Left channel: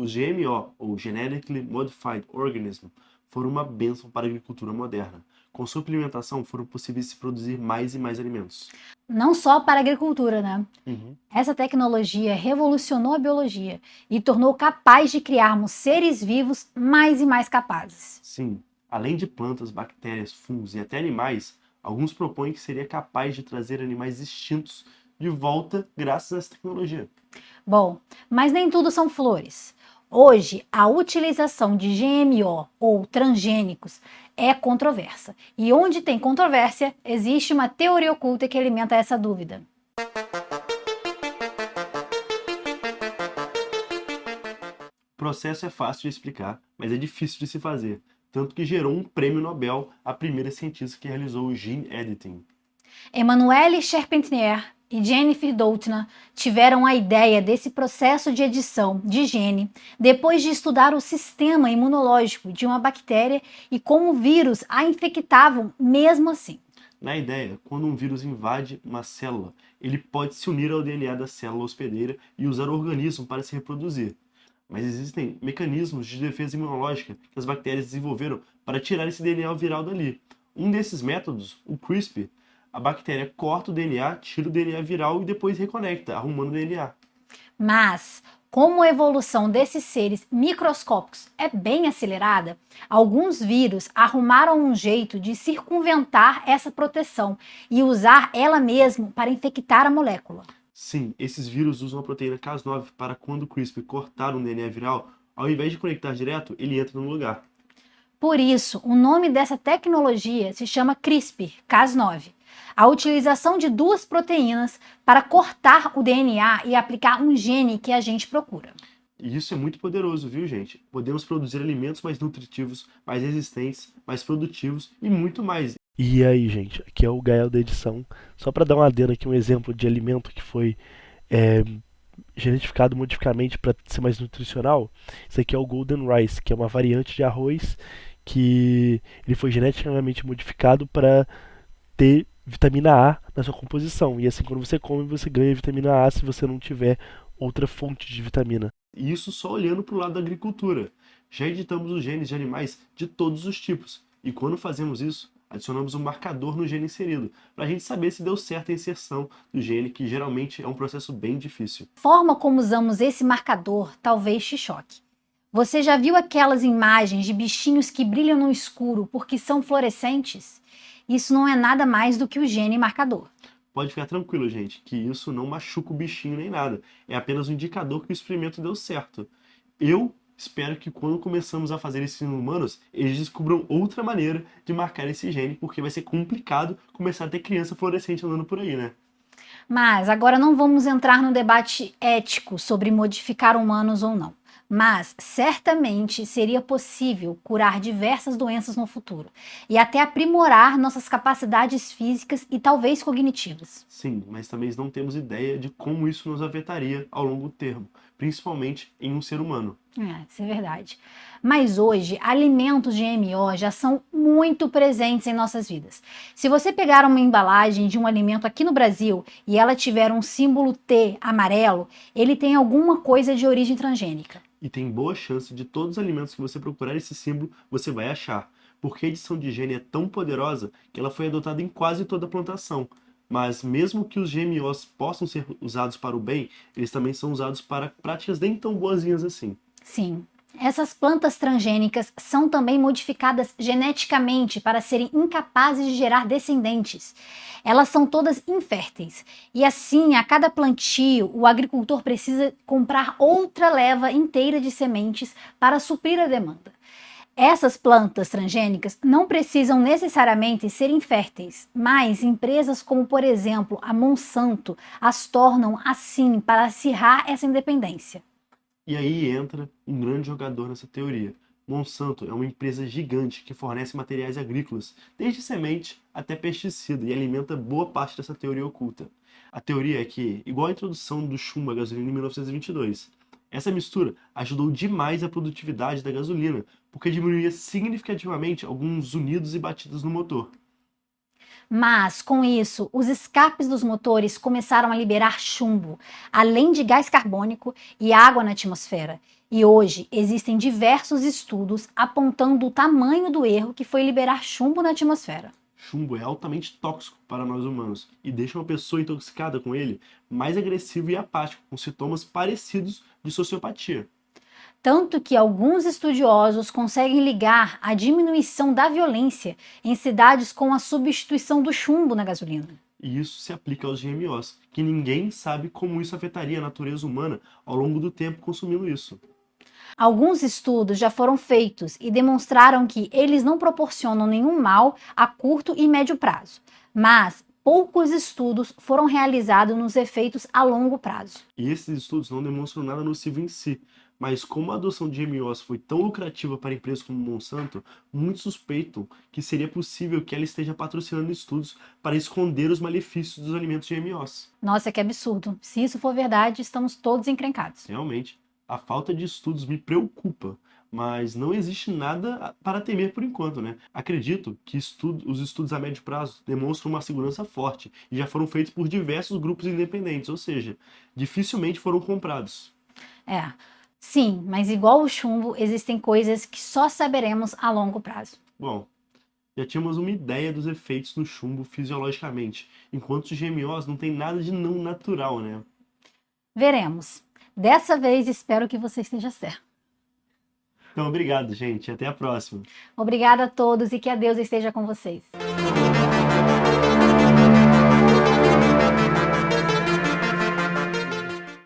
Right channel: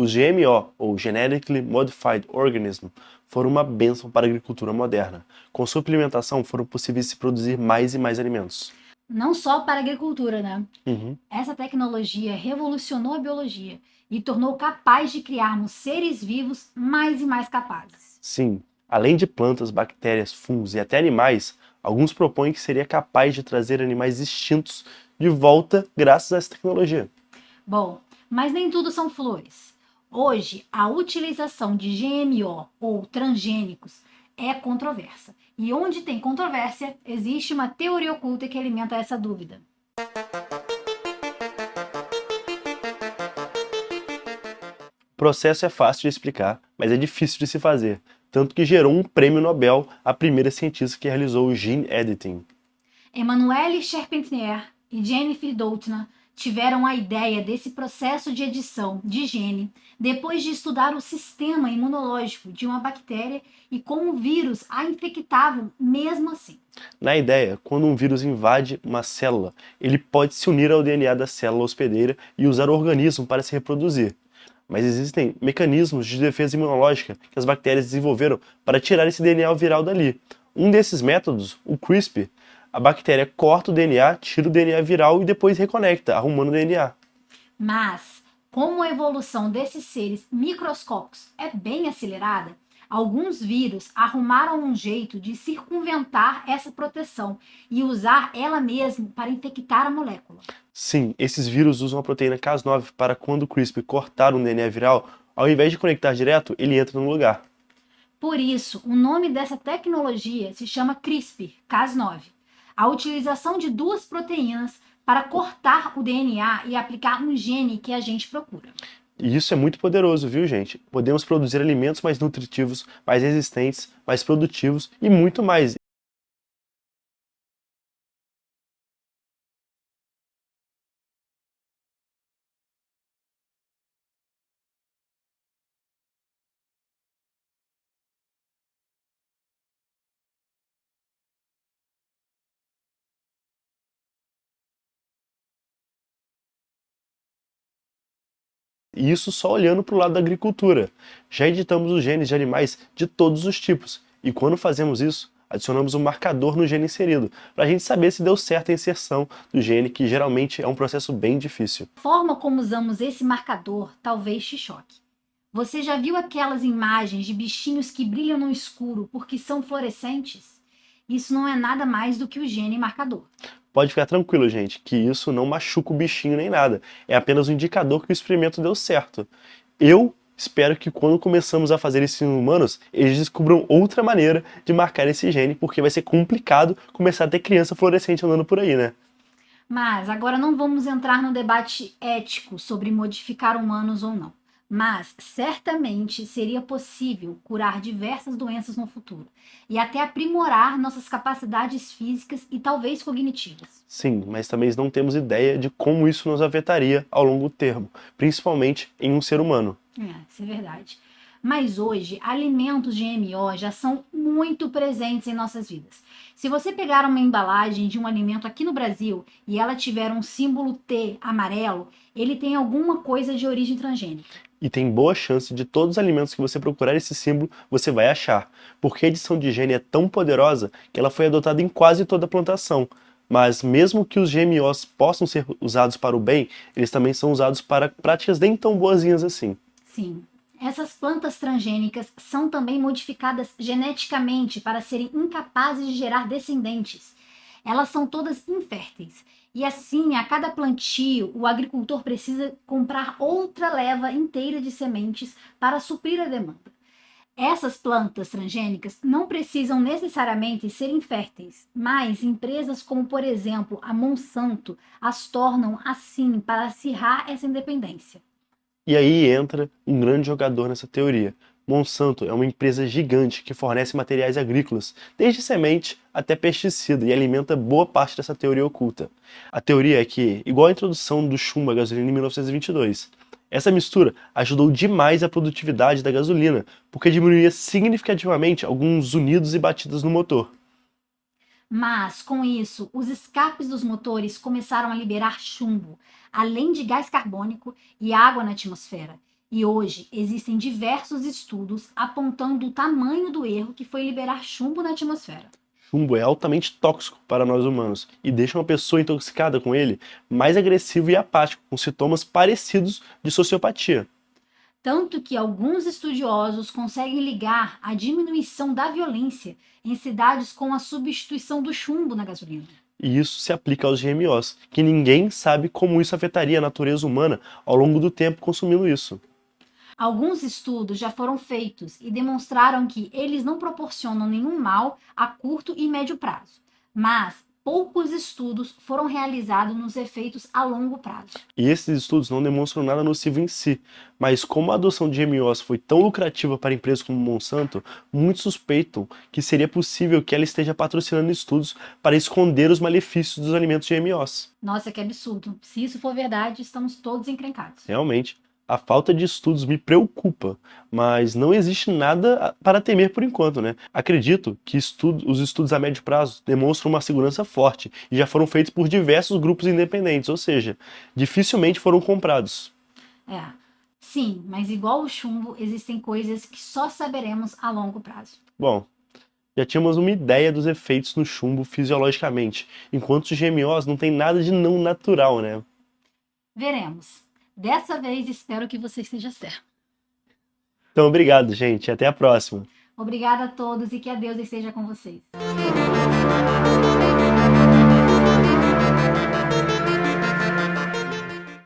Os GMO, ou Genetically Modified Organism, foram uma bênção para a agricultura moderna. Com sua implementação, foram possíveis se produzir mais e mais alimentos. Não só para a agricultura, né? Uhum. Essa tecnologia revolucionou a biologia e tornou capaz de criarmos seres vivos mais e mais capazes. Sim, além de plantas, bactérias, fungos e até animais, alguns propõem que seria capaz de trazer animais extintos de volta graças a essa tecnologia. Bom, mas nem tudo são flores. Hoje, a utilização de GMO ou transgênicos é controversa. E onde tem controvérsia, existe uma teoria oculta que alimenta essa dúvida. O processo é fácil de explicar, mas é difícil de se fazer, tanto que gerou um prêmio Nobel à primeira cientista que realizou o gene editing. Emmanuelle Charpentier e Jennifer Doudna tiveram a ideia desse processo de edição de gene depois de estudar o sistema imunológico de uma bactéria e como vírus a infectavam mesmo assim. Na ideia, quando um vírus invade uma célula, ele pode se unir ao DNA da célula hospedeira e usar o organismo para se reproduzir. Mas existem mecanismos de defesa imunológica que as bactérias desenvolveram para tirar esse DNA viral dali. Um desses métodos, o CRISPR, a bactéria corta o DNA, tira o DNA viral e depois reconecta, arrumando o DNA. Mas, como a evolução desses seres microscópicos é bem acelerada, alguns vírus arrumaram um jeito de circunventar essa proteção e usar ela mesmo para infectar a molécula. Sim, esses vírus usam a proteína Cas9 para quando o CRISPR cortar um DNA viral, ao invés de conectar direto, ele entra no lugar. Por isso, o nome dessa tecnologia se chama CRISPR-Cas9. A utilização de duas proteínas para cortar o DNA e aplicar um gene que a gente procura. E isso é muito poderoso, viu, gente? Podemos produzir alimentos mais nutritivos, mais resistentes, mais produtivos e muito mais. E aí, gente, aqui é o Gael da edição. Só para dar um adendo aqui, um exemplo de alimento que foi genetificado modificamente para ser mais nutricional. Isso aqui é o Golden Rice, que é uma variante de arroz que ele foi geneticamente modificado para ter vitamina A na sua composição. E assim, quando você come, você ganha vitamina A se você não tiver outra fonte de vitamina. E isso só olhando para o lado da agricultura. Já editamos os genes de animais de todos os tipos. E quando fazemos isso, adicionamos um marcador no gene inserido, para a gente saber se deu certo a inserção do gene, que geralmente é um processo bem difícil. A forma como usamos esse marcador talvez te choque. Você já viu aquelas imagens de bichinhos que brilham no escuro porque são fluorescentes? Isso não é nada mais do que o gene marcador. Pode ficar tranquilo, gente, que isso não machuca o bichinho nem nada. É apenas um indicador que o experimento deu certo. Eu espero que quando começamos a fazer isso em humanos, eles descubram outra maneira de marcar esse gene, porque vai ser complicado começar a ter criança fluorescente andando por aí, né? Mas agora não vamos entrar no debate ético sobre modificar humanos ou não. Mas certamente seria possível curar diversas doenças no futuro e até aprimorar nossas capacidades físicas e talvez cognitivas. Sim, mas também não temos ideia de como isso nos afetaria ao longo termo, principalmente em um ser humano. Isso é verdade. Mas hoje, alimentos GMO já são muito presentes em nossas vidas. Se você pegar uma embalagem de um alimento aqui no Brasil e ela tiver um símbolo T amarelo, ele tem alguma coisa de origem transgênica. E tem boa chance de todos os alimentos que você procurar esse símbolo, você vai achar, porque a edição de gene é tão poderosa que ela foi adotada em quase toda a plantação. Mas mesmo que os GMOs possam ser usados para o bem, eles também são usados para práticas nem tão boazinhas assim. Sim, essas plantas transgênicas são também modificadas geneticamente para serem incapazes de gerar descendentes. Elas são todas inférteis. E assim, a cada plantio, o agricultor precisa comprar outra leva inteira de sementes para suprir a demanda. Essas plantas transgênicas não precisam necessariamente ser inférteis, mas empresas como, por exemplo, a Monsanto as tornam assim para acirrar essa independência. E aí entra um grande jogador nessa teoria. Monsanto é uma empresa gigante que fornece materiais agrícolas, desde semente até pesticida, e alimenta boa parte dessa teoria oculta. A teoria é que, igual a introdução do chumbo à gasolina em 1922, essa mistura ajudou demais a produtividade da gasolina, porque diminuía significativamente alguns unidos e batidas no motor. Mas, com isso, os escapes dos motores começaram a liberar chumbo, além de gás carbônico e água na atmosfera. E hoje existem diversos estudos apontando o tamanho do erro que foi liberar chumbo na atmosfera. Chumbo é altamente tóxico para nós humanos e deixa uma pessoa intoxicada com ele mais agressivo e apático, com sintomas parecidos de sociopatia. Tanto que alguns estudiosos conseguem ligar a diminuição da violência em cidades com a substituição do chumbo na gasolina. E isso se aplica aos GMOs, que ninguém sabe como isso afetaria a natureza humana ao longo do tempo consumindo isso. Alguns estudos já foram feitos e demonstraram que eles não proporcionam nenhum mal a curto e médio prazo, mas poucos estudos foram realizados nos efeitos a longo prazo. E esses estudos não demonstram nada nocivo em si, mas como a adoção de GMOs foi tão lucrativa para empresas como Monsanto, muitos suspeitam que seria possível que ela esteja patrocinando estudos para esconder os malefícios dos alimentos GMOs. Nossa, que absurdo. Se isso for verdade, estamos todos encrencados. Realmente, a falta de estudos me preocupa, mas não existe nada para temer por enquanto, né? Acredito que os estudos a médio prazo demonstram uma segurança forte e já foram feitos por diversos grupos independentes, ou seja, dificilmente foram comprados. É, sim, mas igual o chumbo, existem coisas que só saberemos a longo prazo. Bom, já tínhamos uma ideia dos efeitos no chumbo fisiologicamente, enquanto os GMOs não tem nada de não natural, né? Veremos. Dessa vez espero que você esteja certo. Então, obrigado, gente. Até a próxima. Obrigada a todos e que a Deus esteja com vocês.